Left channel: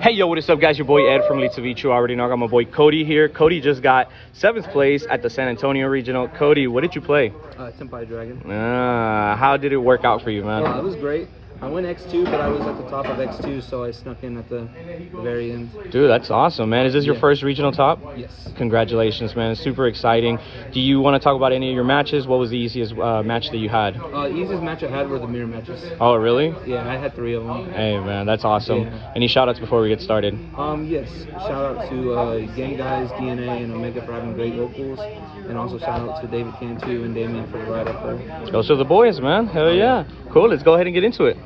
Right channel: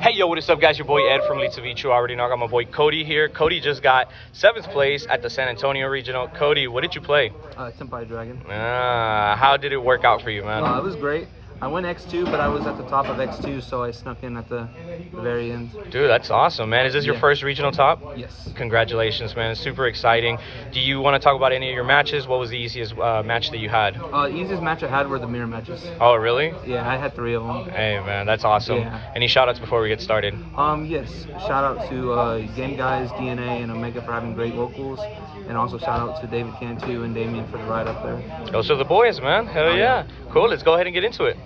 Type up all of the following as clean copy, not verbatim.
Hey yo, what is up guys? Your boy Ed from Litzavichu. I already know I got my boy Cody here. Cody just got 7th place at the San Antonio Regional. Cody, what did you play? Tenpai Dragon. How did it work out for you, man? Well, it was great. I went X2, but I was at the top of X2, so I snuck in at the very end. Dude, that's awesome, man. Is this your first regional top? Yes. Congratulations, man. It's super exciting. Do you want to talk about any of your matches? What was the easiest match that you had? The easiest match I had were the mirror matches. Oh, really? Yeah, I had 3 of them. Hey, man, that's awesome. Yeah. Any shout-outs before we get started? Yes. Shout out to Gang Guys, DNA, and Omega for having great vocals. And also shout out to David Cantu and Damien for the ride up there. Those are the boys, man. Hell yeah. Cool, let's go ahead and get into it.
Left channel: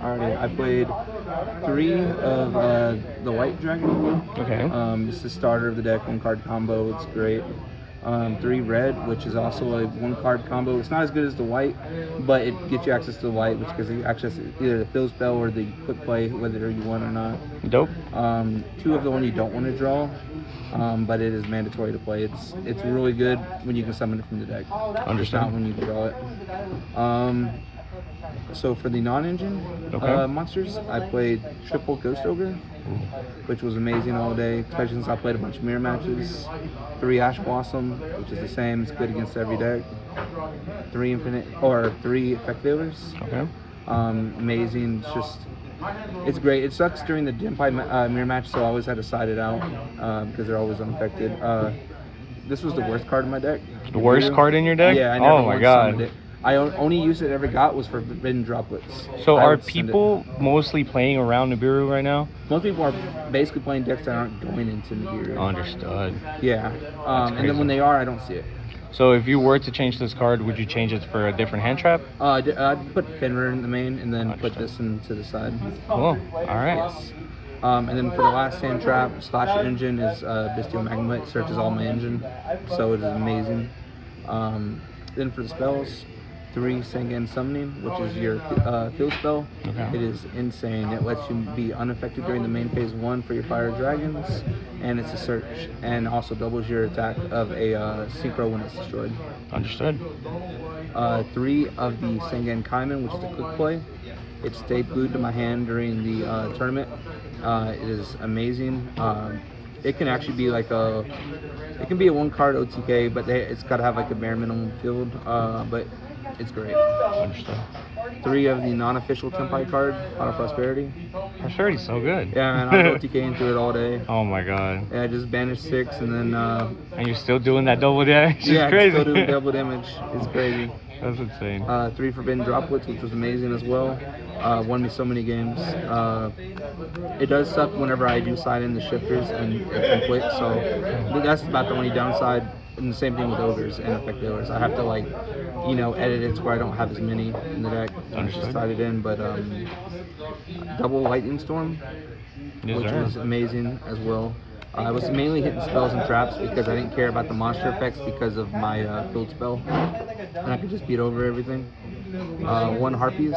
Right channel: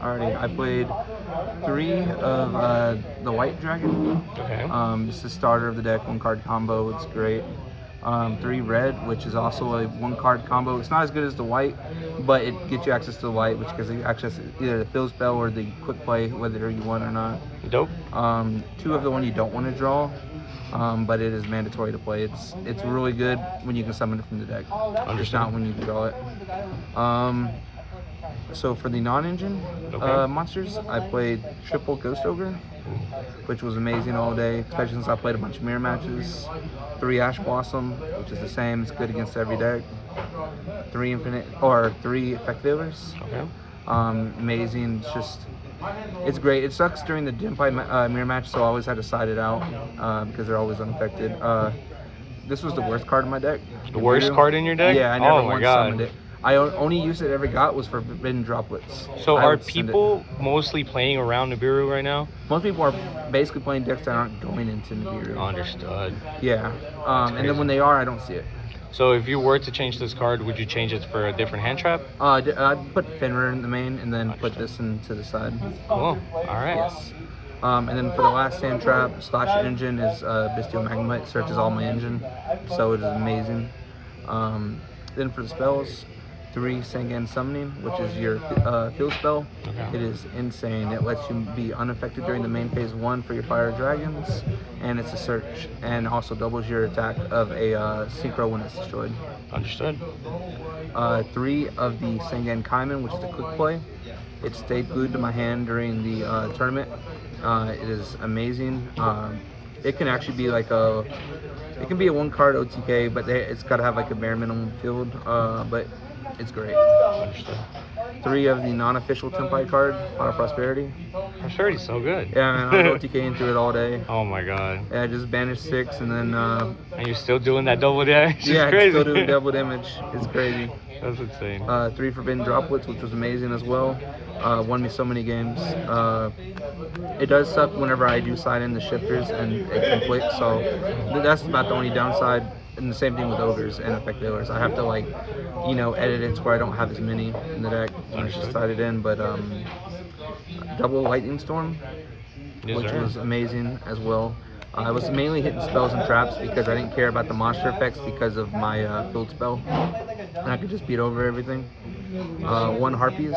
Alrighty, I played 3 of the White Dragon. Okay. It's the starter of the deck, 1-card combo. It's great. 3 red, which is also a 1-card combo. It's not as good as the white, but it gets you access to the white, which gives you access to either the fill spell or the quick play, whether you want or not. Dope. 2 of the one you don't want to draw, but it is mandatory to play. It's really good when you can summon it from the deck. It's not when you draw it. So for the non-engine monsters, I played triple Ghost Ogre, which was amazing all day, especially since I played a bunch of mirror matches. 3 Ash Blossom, which is the same, it's good against every deck. 3 Effect Dealers. Okay. Amazing, it's great. It sucks during the Tenpai mirror match, so I always had to side it out because they're always unaffected. This was the worst card in my deck. The worst card in your deck? Yeah, I never once summoned it. I only use it ever got was for forbidden droplets. So are people mostly playing around Nibiru right now? Most people are basically playing decks that aren't going into Nibiru. Understood. Yeah, and then when they are, I don't see it. So if you were to change this card, would you change it for a different hand trap? I'd put Fenrir in the main and then put this into the side. Oh, all right. Yes. And then for the last hand trap, Slasher Engine is Bestial Magma. It searches all my engine, so it is amazing. Then for the spells, 3 Sengen Summoning, which is your field spell. Okay. It is insane. It lets you be unaffected during the main phase 1 for your fire dragons, and it's a search, and also doubles your attack of a synchro when it's destroyed. Understood. 3 of the Sengen Kaiman, which is a quick play. It stayed glued to my hand during the tournament. It is amazing. It can actually be like it can be a 1-card OTK, but it's got to have like a bare minimum field, but it's great. 3 of the non-official Tenpai card, Pot of Prosperity. Prosperity's so good. Yeah, and I was OTK into it all day. Oh my god. Yeah, just banished 6 and then... and you're still doing that double damage? Yeah, crazy. Still doing double damage. It's crazy. That's insane. 3 forbidden droplets, which was amazing as well. Won me so many games. It does suck whenever I do side in the shifters and it conflicts, so that's about the only downside. And the same thing with ogres and effect dealers. I have to edit it so I don't have as many in the deck and just side it in. But double lightning storm, which was amazing as well. I was mainly hitting spells and traps because I didn't care about the monster effects because of my field spell, and I could just beat over everything. 1 Harpies,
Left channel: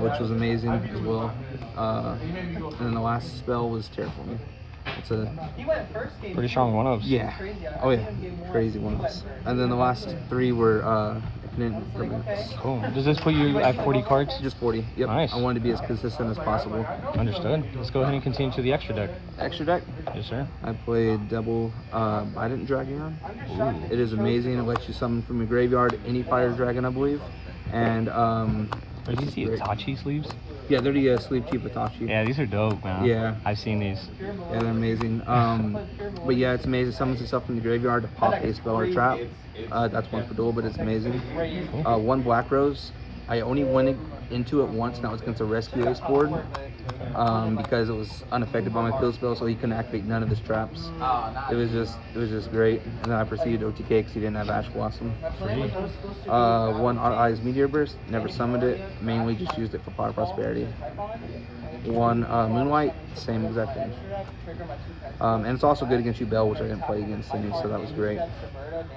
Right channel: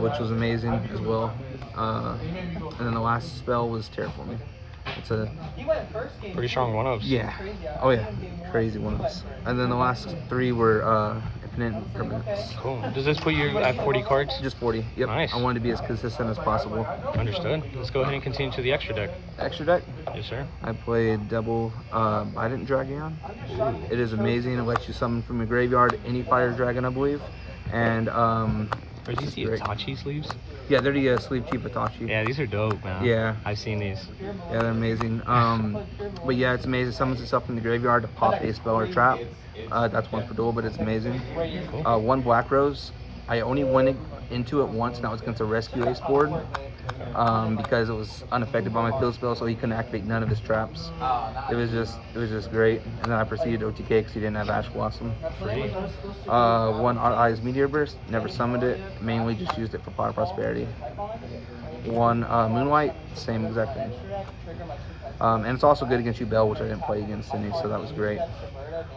which was amazing as well. And then the last spell was Terraforming. It's a pretty strong 1-ups. Yeah. Oh yeah. Crazy 1-ups. And then the last 3 were Infinite Permanents. Cool. Does this put you at 40 cards? Just 40. Yep. Nice. I wanted to be as consistent as possible. Understood. Let's go ahead and continue to the extra deck. Extra deck? Yes, sir. I played double Bident Dragon. It is amazing. It lets you summon from your graveyard any fire dragon, I believe. And Are these the Itachi sleeves? Yeah, they're the sleeve keep Itachi. Yeah, these are dope, man. Yeah. I've seen these. Yeah, they're amazing. But yeah, it's amazing. It summons yourself from the graveyard to pop a spell or a trap. That's 1 for duel, but it's amazing. Cool. 1 Black Rose. I only went into it once, and that was against a Rescue Ace board. Because it was unaffected by my field spell, so he couldn't activate none of his traps. It was just great. And then I proceeded to OTK because he didn't have Ash Blossom. 1 Hot Eyes Meteor Burst, never summoned it, mainly just used it for Pot of Prosperity. 1 Moonlight, same exact thing. And it's also good against you, Bell, which I didn't play against any, so that was great.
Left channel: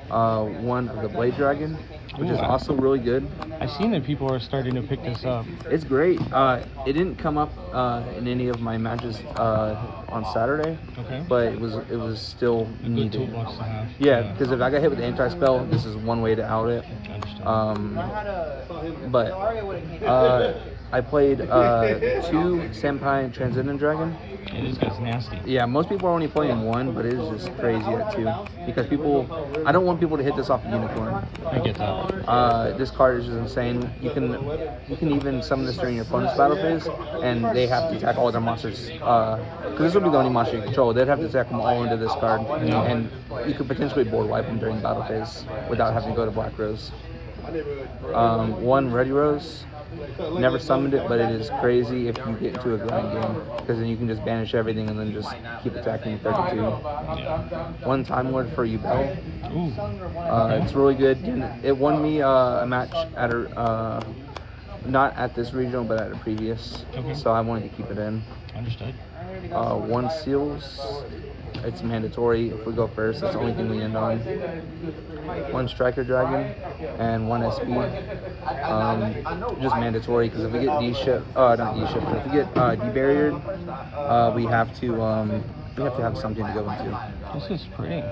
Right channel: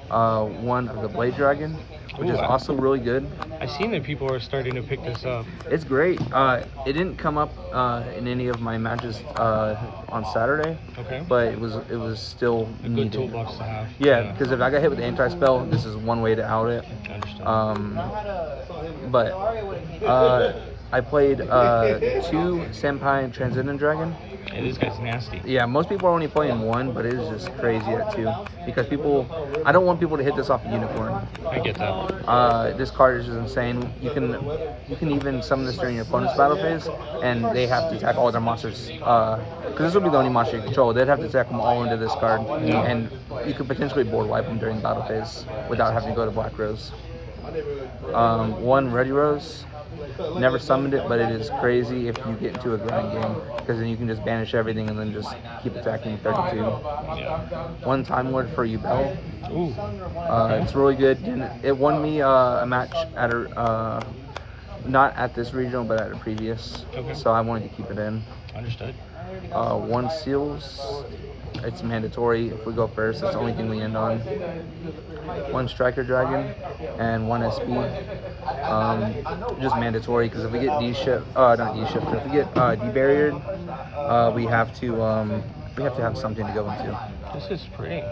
1 of the Blade Dragon, which is also really good. I've seen that people are starting to pick this up. It's great. It didn't come up in any of my matches on Saturday. Okay. But it was still a good toolbox to have. Yeah, because if I got hit with the anti-spell, this is one way to out it. I understand. But I played 2 Tenpai and Transcendent Dragon. Hey, this guy's nasty. Yeah, most people are only playing 1, but it is just crazy at 2 because I don't want people to hit this off the unicorn. I get that. This card is just insane. You can even summon this during your opponent's battle phase, and they have to attack all their monsters. Because this will be the only monster you control. They'd have to attack them all into this card, Yeah. and you could potentially board wipe them during battle phase without having to go to Black Rose. 1 Ready Rose. Never summoned it, but it is crazy if you get into a grind game because then you can just banish everything and then just keep attacking 32. Yeah. 1 Time Lord for Yubel. Ooh. It's really good. It won me a match at not at this regional, but at a previous. Okay. So I wanted to keep it in. Understood. 1 Seals. It's mandatory. If we go first, that's the only thing we end on. 1 Striker Dragon and 1 SP. Just mandatory because if we get not D-shift, if we get debarriered, we have to have something to go into. This is pretty.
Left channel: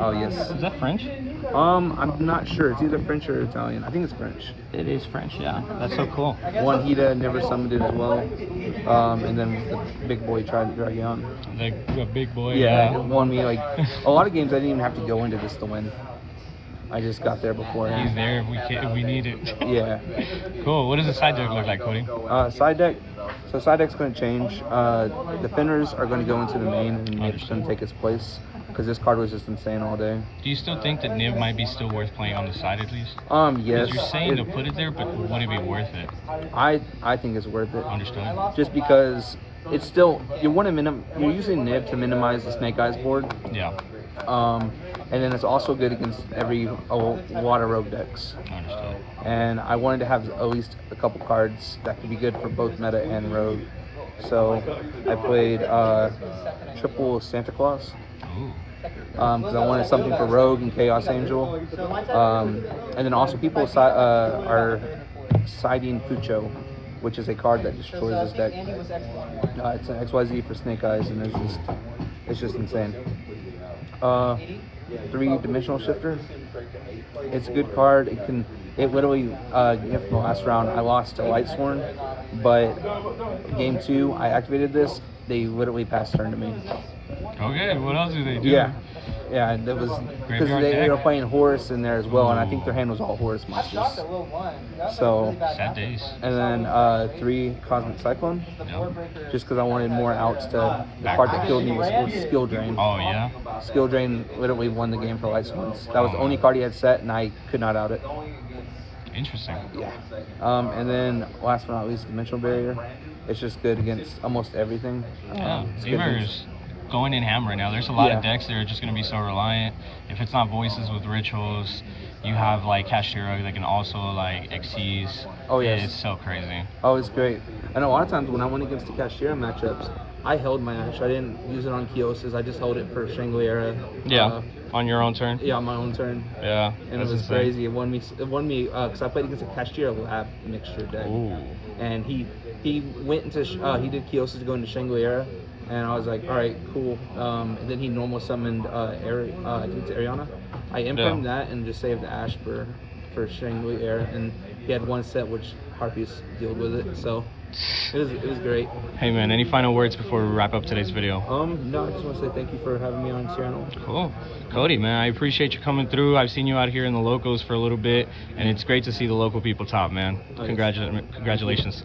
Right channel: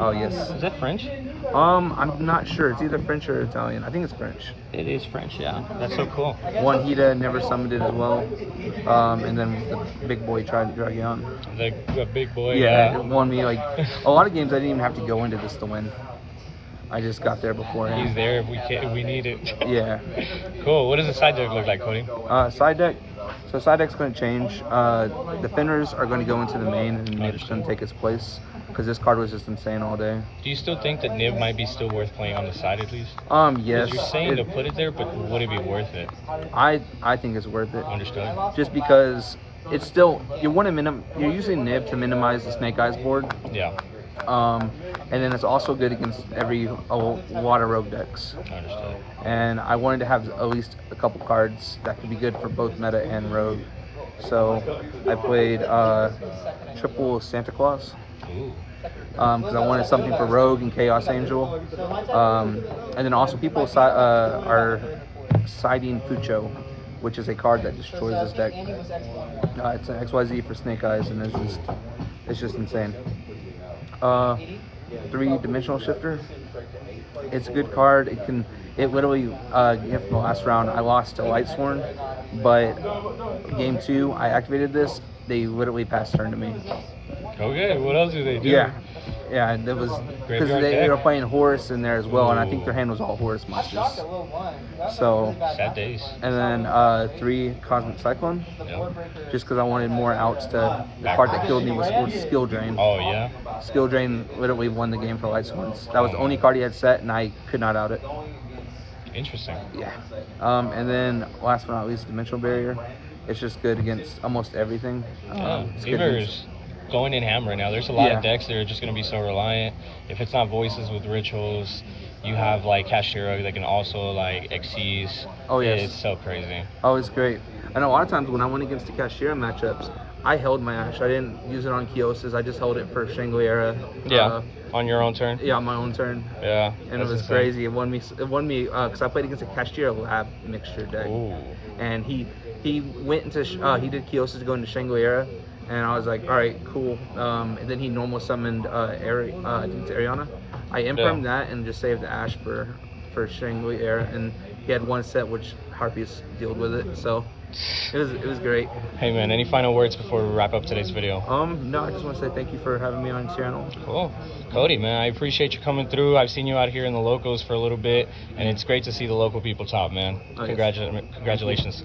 Oh yes. Is that French? I'm not sure. It's either French or Italian. I think it's French. It is French, yeah. That's so cool. 1 Hida, never summoned it as well. And then the big boy tried to drag you on. The big boy, Yeah, it won me like a lot of games. I didn't even have to go into this to win. I just got there beforehand. He's there if we need it. Yeah. Cool. What does the side deck look like, Cody? Side deck. So side deck's going to change. Defenders are going to go into the main, and Nib's going to take its place because this card was just insane all day. Do you still think that Nib might be still worth playing on the side at least? Yes. You're saying to put it there, but would it be worth it? I think it's worth it. Understood. Just because it's still you're using Nib to minimize the Snake Eyes board. Yeah. And then it's also good against a lot of rogue decks. Understood. And I wanted to have at least a couple cards that could be good for both meta and rogue. So I played triple Santa Claus. Ooh. Because I wanted something for Rogue and Chaos Angel. And then also people are siding Fucho, which is a card that destroys this deck. It's an XYZ for Snake Eyes, and it's just insane. 3 Dimensional Shifter. It's a good card. It literally, if the last round I lost to Lightsworn, but game 2 I activated this. They literally passed turn to me. Okay, what else do they do? Yeah, it was because they were playing Horus in there as well. Ooh. And I think their hand was all Horus monsters. So sad days. And then 3 Cosmic Cyclone. Yeah. Just because I wanted more outs to the part that killed me was Skill Drain. Oh yeah. Skill Drain literally won the game for Lightsworns. That was the only card he had set, and I could not out it. Interesting. Yeah. And then last but not least, Dimensional Barrier. It's just good against almost everything. Yeah. Beaver's going in ham right now. There's a lot of decks that are just going to be so reliant. If it's not Voices with Rituals, you have like Cashiera that can also like Xyz. Oh yeah. It's so crazy. Oh, it's great. And a lot of times when I went against the Cashiera matchups, I held my Ash. I didn't use it on Kios's. I just held it for Shangri-La. Yeah. On your own turn. Yeah, on my own turn. Yeah. And it was crazy. It won me because I played against a Cashiera Lab mixture deck. Ooh. And he went into he did Kios's to go into Shangri-La, and I was like, all right, cool. And then he normal summoned I think it's Ariana. I imprimed that and just saved the Ash for Shangri-La, and he had 1 set which Harpies dealt with it. So it was great. Hey man, any final words before we wrap up today's video? No, I just want to say thank you for having me on your channel. Cool. Cody, man, I appreciate you coming through. I've seen you out here in the locals for a little bit, and it's great to see the local people top, man. Oh, Congratulations.